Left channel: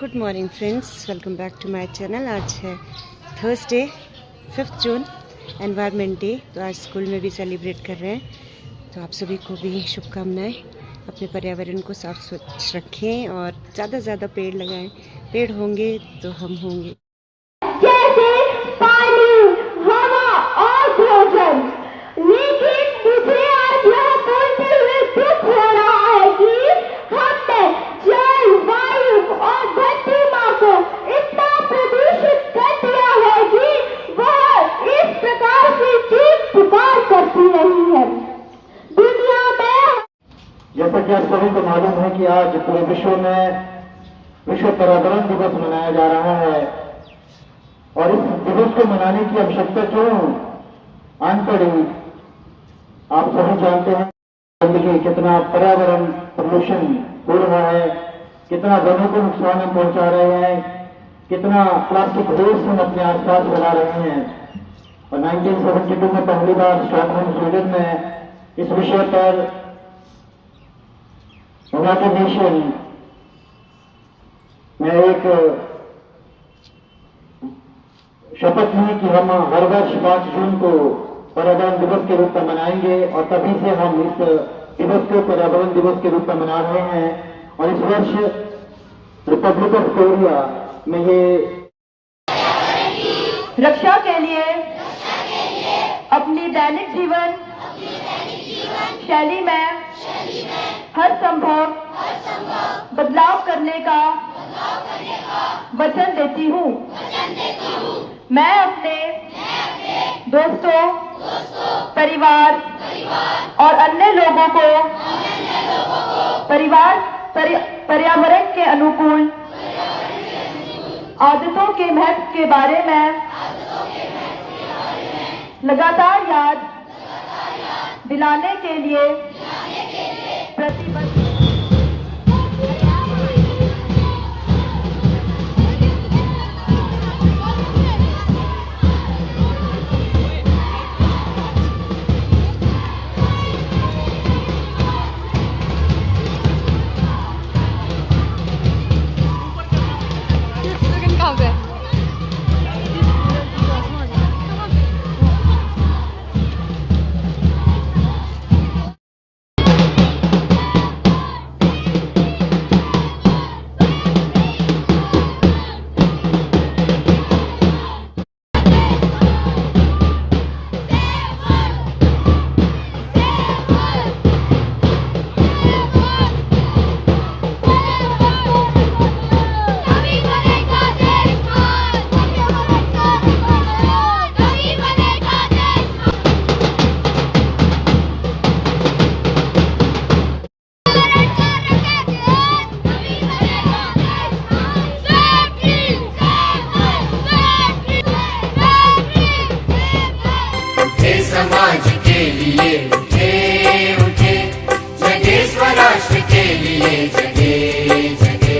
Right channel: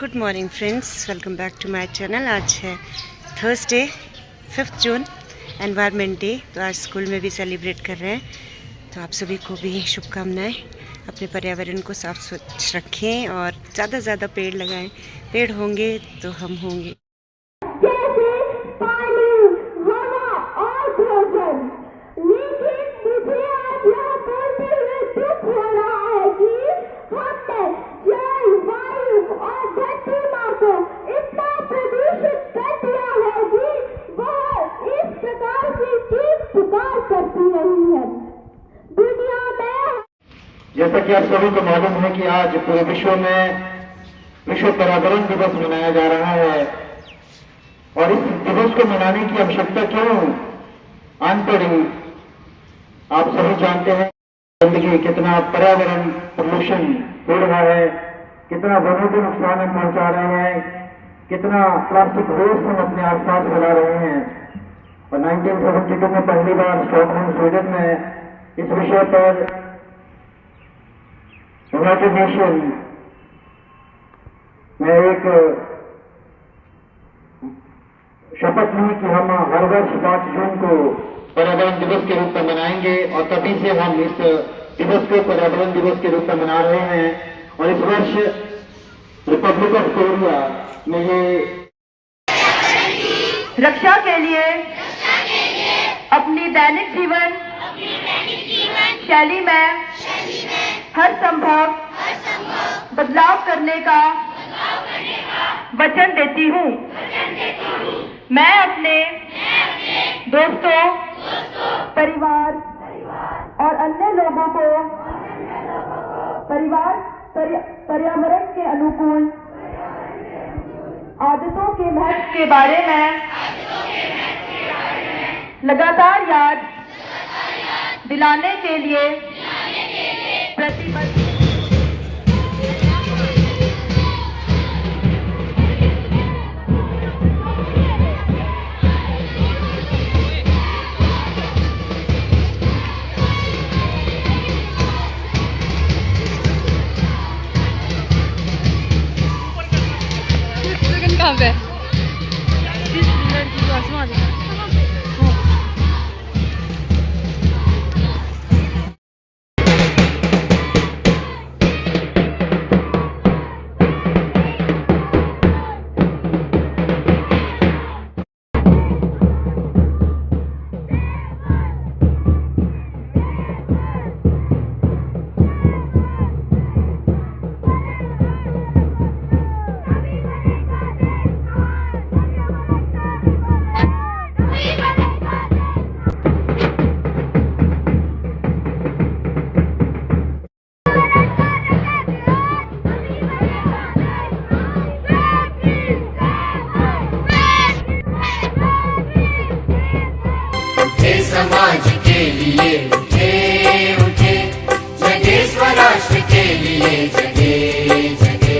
Good morning friends, welcome back to my channel. आज है Thursday 5 जून, environment day. तो आज स्कूल में भी सेलिब्रेट कर रहे हैं। तो आप सभी को भी शुभकामनाएं। अपने पर्यावरण को साफ स्वच्छ रखें और ज़्यादा से ज़्यादा पेड़ लगाएं। पेड़ होंगे तो हम होंगे। जैसा कि आप सभी को मालूम है कि आज पूरे विश्व में विश्व पर्यावरण दिवस मनाया जा रहा है। और इस दिवस को मनाने की आवश्यकता क्यों आन पड़ी, आप सभी जानते हैं। गंदगी, कितना पर्यावरण प्रदूषण हो रहा है, कितना वनों को नुकसान हम पहुंचा रहे हैं, कितना प्लास्टिक वेस्ट हम अपने आसपास फैला रहे हैं। और 1972 में पहली बार स्टॉकहोम स्वीडन में इस विषय पर यूनाइटेड नेशन में एक शपथ ली कि हम हर वर्ष 5 जून को पर्यावरण दिवस के रूप में मनाएंगे। और तभी से हम इस दिवस को पर्यावरण दिवस के रूप में मना रहे हैं। और इस वर्ष रिपब्लिक ऑफ कोरिया में ये रक्षा के लिए अपनी दैनिक जीवन शैली में हर संभव बदलाव करने का वचन देती हूँ। मैं अपने दोस्तों, परिवार और अन्य लोगों को पर्यावरण के अनुकूल आदतों के महत्व के बारे में लगातार याद दिलाने के लिए प्रतिबद्ध। समाज के लिए उठे जगे, स्वराष्ट्र के लिए जगे जगे।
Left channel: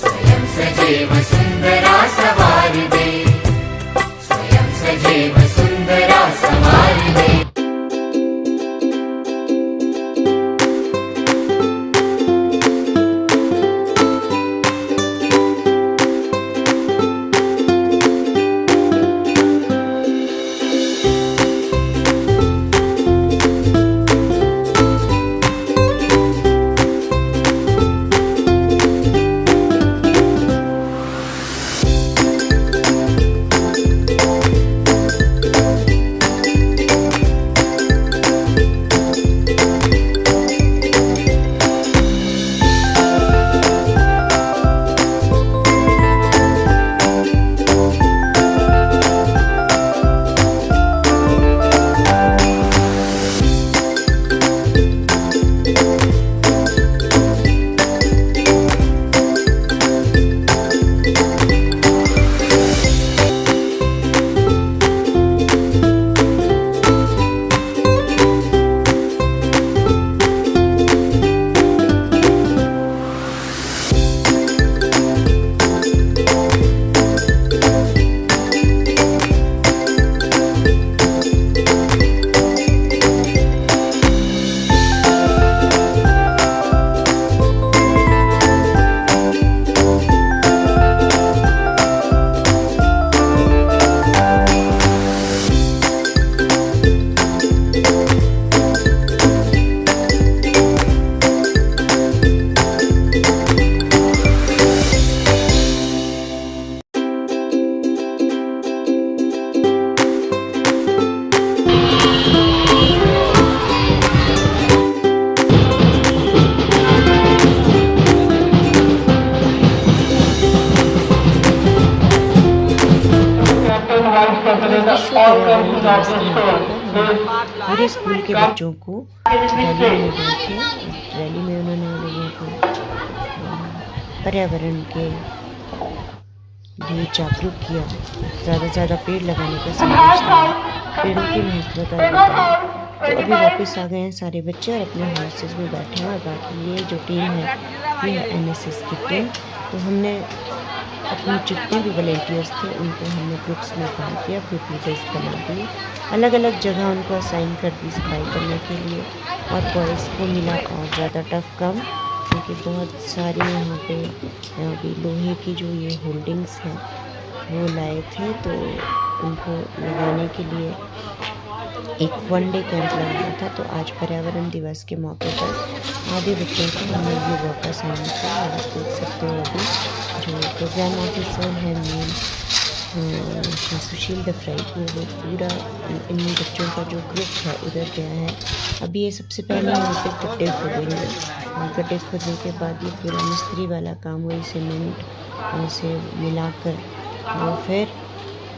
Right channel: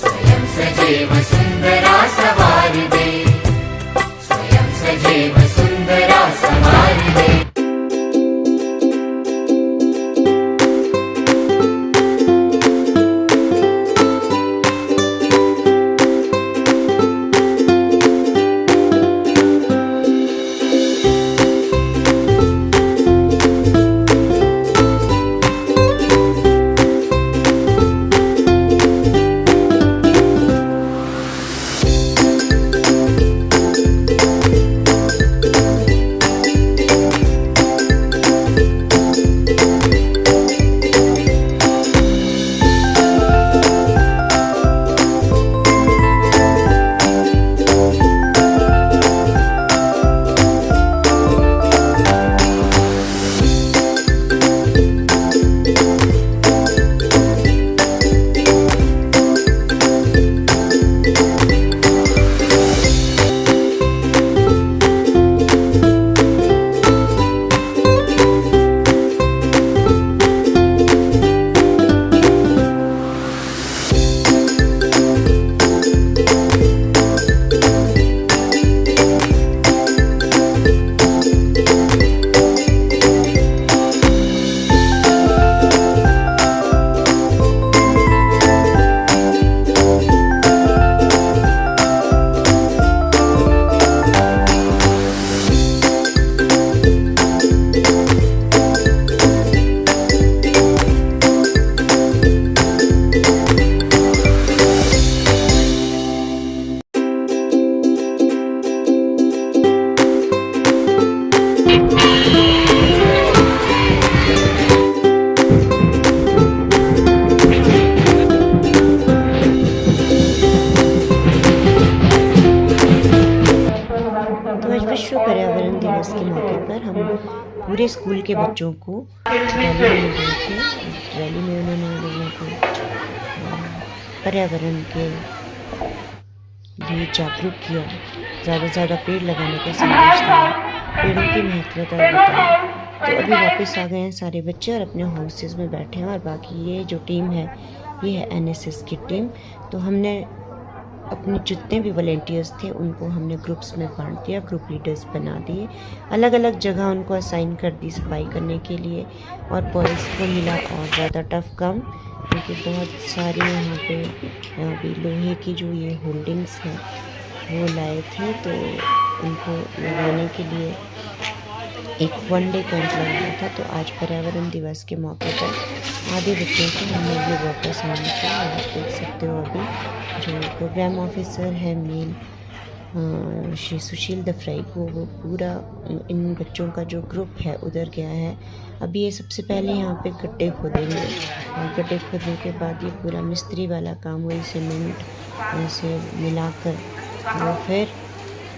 स्वयं सजेव सुंदरा सवार दे, स्वयं सजेव सुंदरा सवार दे। दिवस के मौके पर हम पूरे स्कूल के बच्चों को रैली में ले गए थे। रैली में उन्होंने लोगों को पर्यावरण के लिए जागरूक किया, ज़्यादा से ज़्यादा पेड़ लगाने का संदेश दिया, पेड़ों की महत्वता बताई। तो अभी वापस आ गए हैं सारे बच्चे और अपने हॉर्सेस में बैठे हैं। और बाकी ये जो टीम है ये है एनएसएस की टीम। तो हमने अपने जितने भी वॉलेंटियर्स थे उनको हमने ग्रुप्स में बांट दिया, ग्रुप लीडर्स बना दिए, अलग अलग जगह उनको असाइन कर दी सफाई करने के लिए। और बॉयज़ को मिला और ज़्यादा टफ काम, क्योंकि बहुत सारी यहाँ पे अभी लोहे की जो ये होल्डिंग्स हैं वो लाए थे, तो उनको लगाने के लिए एक 1 डे कैंप लगाया था। तो आज पर्यावरण दिवस के मौके पर आधे बच्चों को हमने ये वर्क असाइन किया। और आप देख सकते हो अभी जो प्रोग्राम ऑफिसर है मेन श्री सुशील दफ्राई वो पूरा इन बच्चों का जो ग्रुप है उधर गया है। अभी ये सबसे पहले यहाँ पे गड्ढे खोदेंगे और गड्ढे खोदने के बाद ये पूरा मिस्त्री वाला काम वही सीमेंट से मिलाकर वो फिर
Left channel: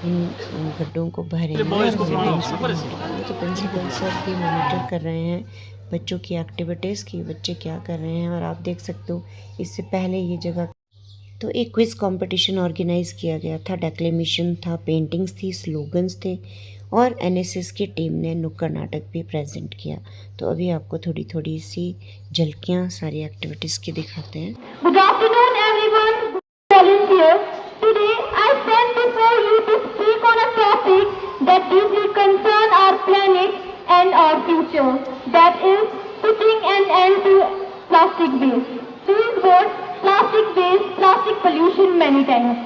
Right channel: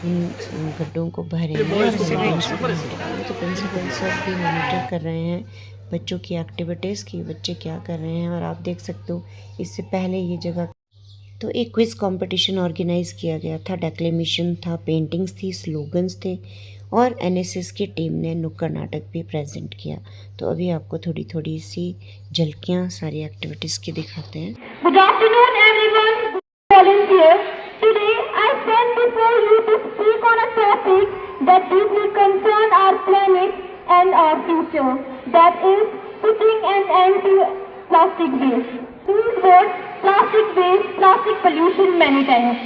गड्ढों को भरेंगे और होल्डिंग्स को भरेंगे। तो प्रिंसिपल सर भी मॉनिटर कर रहे हैं बच्चों की एक्टिविटीज़ की, बच्चे क्या कर रहे हैं। और आप देख सकते हो इससे पहले ये जगह तो एक क्विज़ कंपटीशन ऑर्गेनाइज किया गया था, डेक्लेमेशन था, पेंटिंग्स थी, स्लोगन्स थे और एनएसएस की टीम ने नुक्कड़ नाटक भी प्रेजेंट किया। तो अभी आपको थोड़ी थोड़ी सी झलकियाँ सारी एक्टिविटीज़ की दिखाते हैं। Good afternoon, everyone. Volunteers. Today, I stand before you to speak on a topic that deeply concerns our planet and our future. That is putting an end to plastic waste. These words, plastic waste, plastic pollution, many times.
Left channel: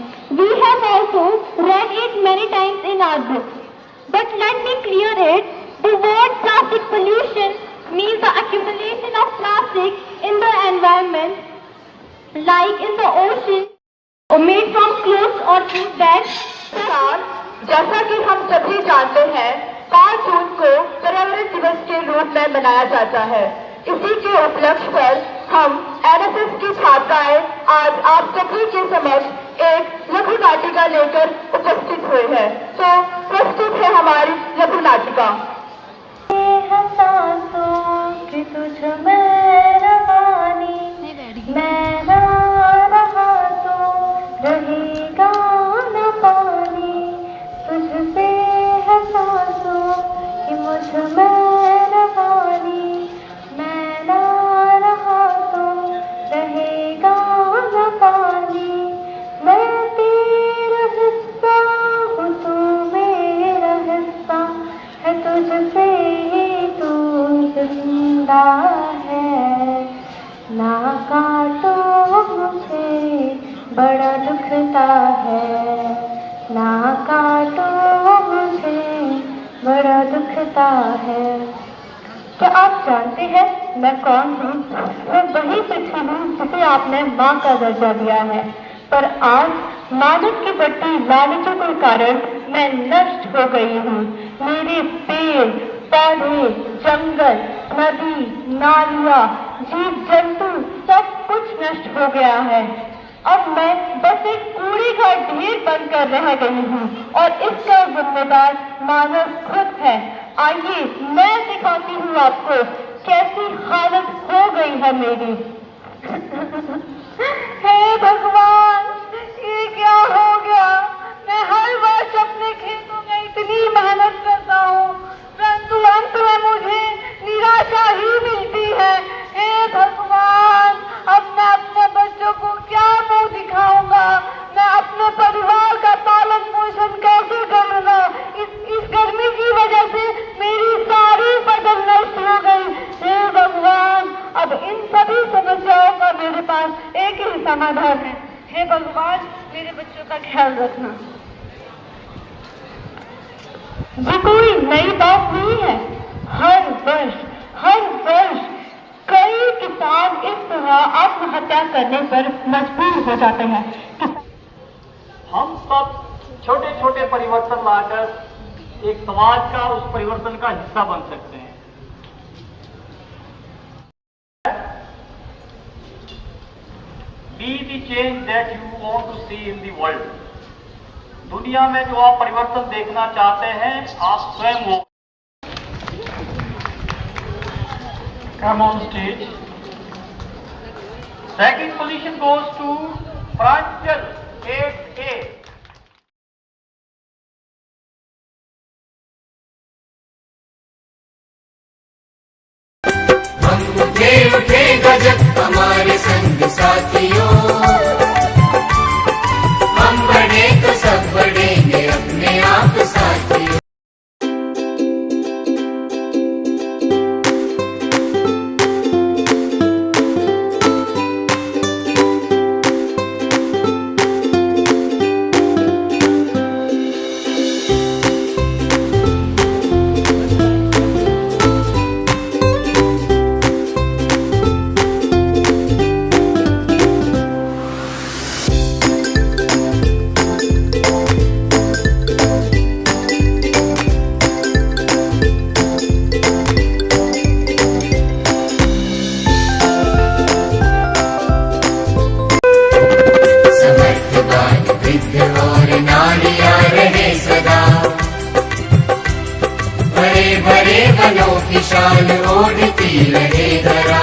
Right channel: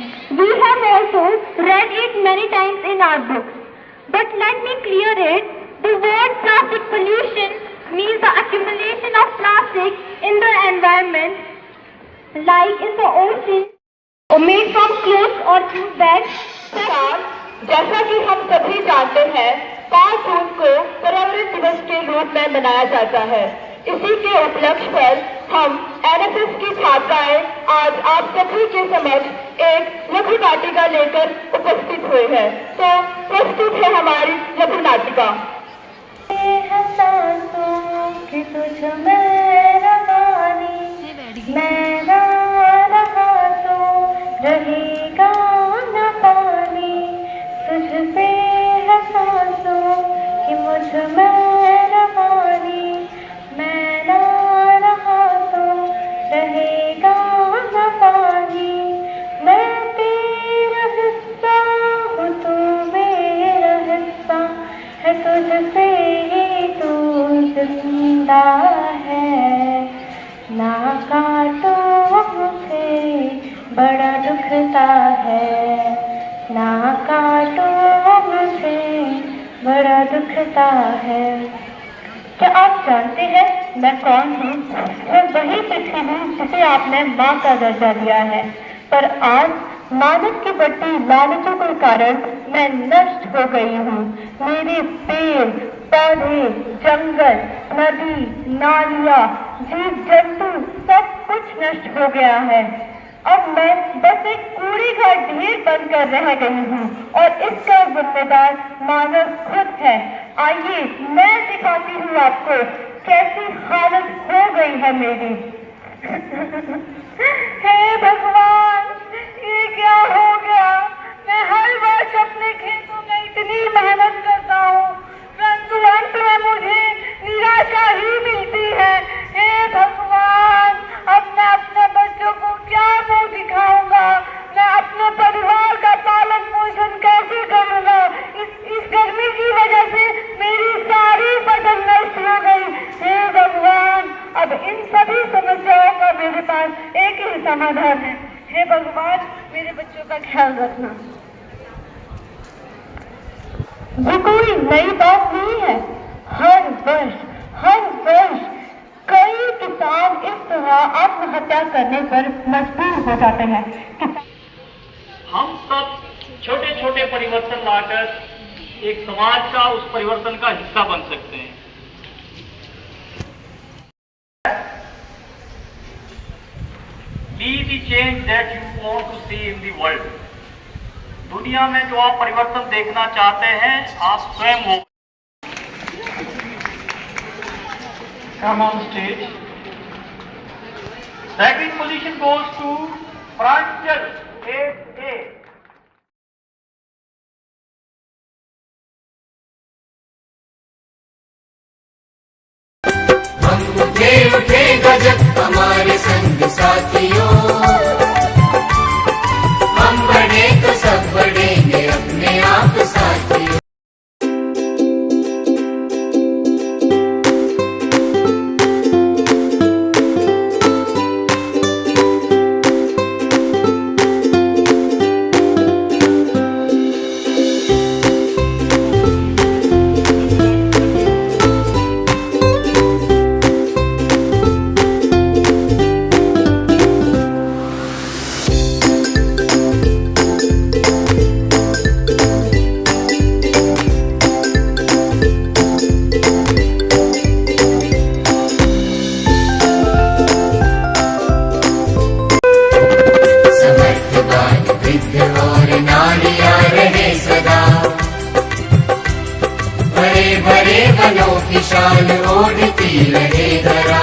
We have also read it many times in our books. But let me clear it. The word plastic pollution means the accumulation of plastic in the environment, like in the ocean, or made from clothes or food bags. जैसा कि हम सभी जानते हैं 5 जून को पर्यावरण दिवस के रूप में मनाया जाता है। इसी के उपलक्ष्य पर हम एनएसएस की छात्राएं आज आप सभी के समक्ष एक लघु नाटिका लेकर उपस्थित हुए हैं। तो प्रस्तुत है हमारी लघु नाटिका। क्या आप जानते हैं मैं कौन हूँ? मैं वही पृथ्वी हूँ जिसे आपने माँ का दर्जा दिया है, पर आज मानव की बढ़ती लालचों के कारण मैं नष्ट हो गई हूँ। मेरे पेड़ पौधे, जंगल, नदी, नालियाँ, जीव जंतु सब कुछ नष्ट हो गया है। अब मैं बस एक कूड़े का ढेर बनकर रह गई हूँ और इसका जिम्मेदार मानव खुद है। आइए मैं दिखाती हूँ आपको कैसी हालत हो गई है मेरी। हे भगवान, ये क्या हो गया? मैं हर वर्ष अपने खेतों में इतनी मेहनत करता हूँ, परंतु अंत में मुझे निराशा ही मिलती है। हे भगवान, अब मैं अपने बच्चों को क्या मुँह दिखाऊंगा? मैं अपने परिवार का पालन पोषण कैसे करूँगा? इस गर्मी की वजह से मेरी सारी फसल नष्ट हो गई। हे भगवान, अब इन सभी समस्याओं का मेरे पास एक ही समाधान है। हे भगवान, मेरे बच्चों का ख्याल रखना। ये कोई नई बात नहीं है। हर वर्ष कई किसान इस तरह आत्महत्या करने पर मजबूर हो जाते हैं। हम सब छोटे छोटे परिवर्तन लाकर एक समाज का उस परिवर्तन का हिस्सा बन सकते हैं। Be the change that you want to see in the world. दुनिया में जो आप परिवर्तन देखना चाहते हैं, आप स्वयं हो। Come on stage. Second position goes to Pranjal, 8A. हम उठे उठे गजब हमारे संग साथियों, हम बढ़े तो सब बढ़ेंगे अपने आप साथियों। और नारियां रहे सदा, बड़े बड़े वनों की शान ओढ़ती रहे धरा।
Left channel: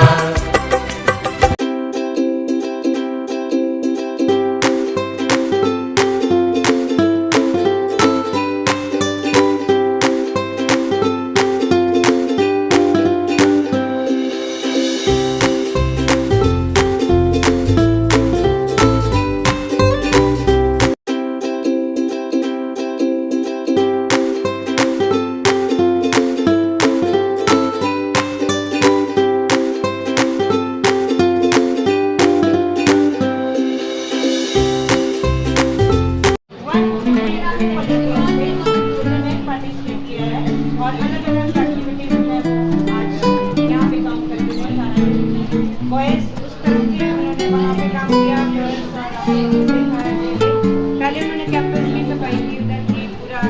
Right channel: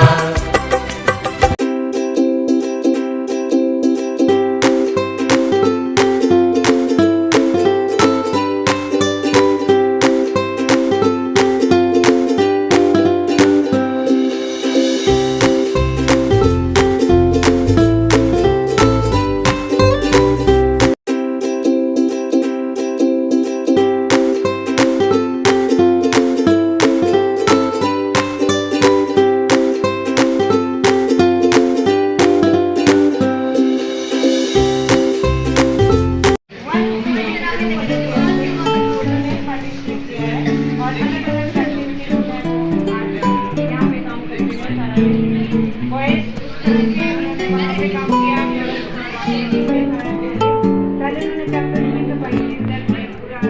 पहले उन्होंने कैंपस की सफाई की, उधर की पूरा,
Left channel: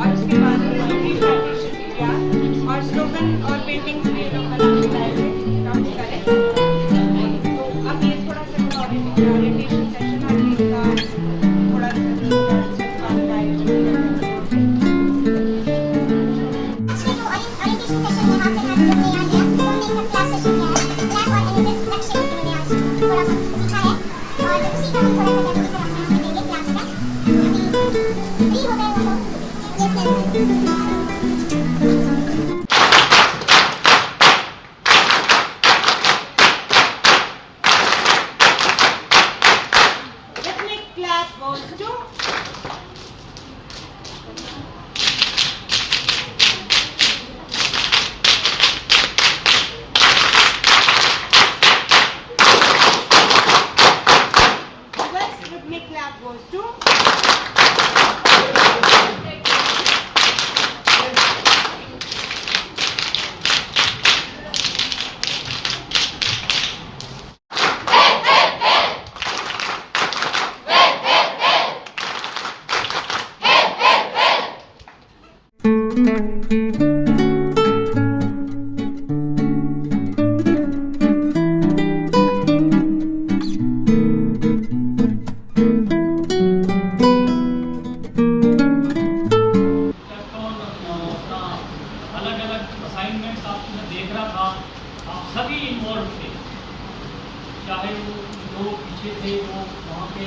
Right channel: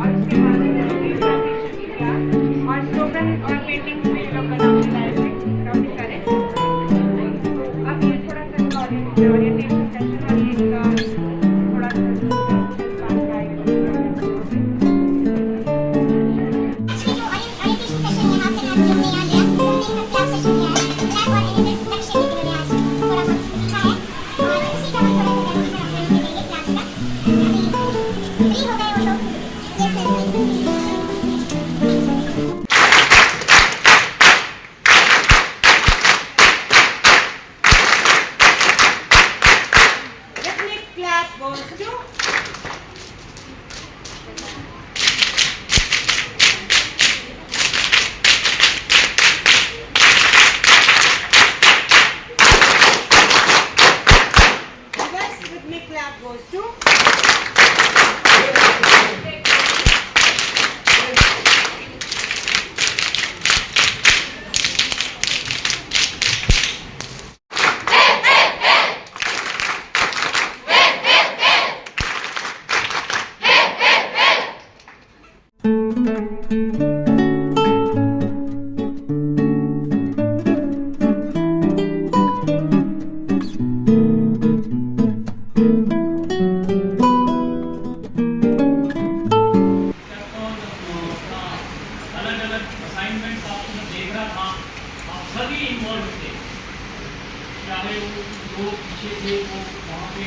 और उसके बाद किया और स्लोगन और पेंटिंग्स भी लोग बना के लाए थे काफी सारे। तो अब ये थोड़ा सा ओरिएंटेशन सेशन और ये थोड़ा सभी इन्वॉल्व थे, चाहे वो पीछे थे, वो वहाँ पे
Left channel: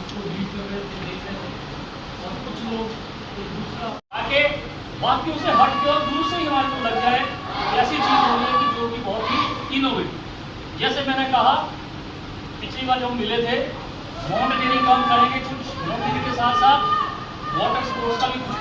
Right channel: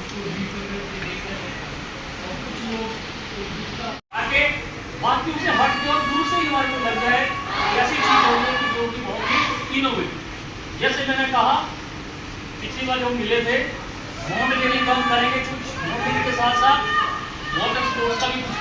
उसको लीड कर रहे थे, देख रहे थे, और कुछ लोग दूसरा आगे बाकियों से हट के और दूर से ही हमारे को लग जाए ऐसी चीज़ हो गई जो कि बहुत ही इनोवेटिव। जैसे मैंने कहा पिछली बार जब मिले थे, होम डिलीवरी कम करेंगे, कुछ होम डिलीवरी के साथ साथ वाटर स्टोर्स का भी कुछ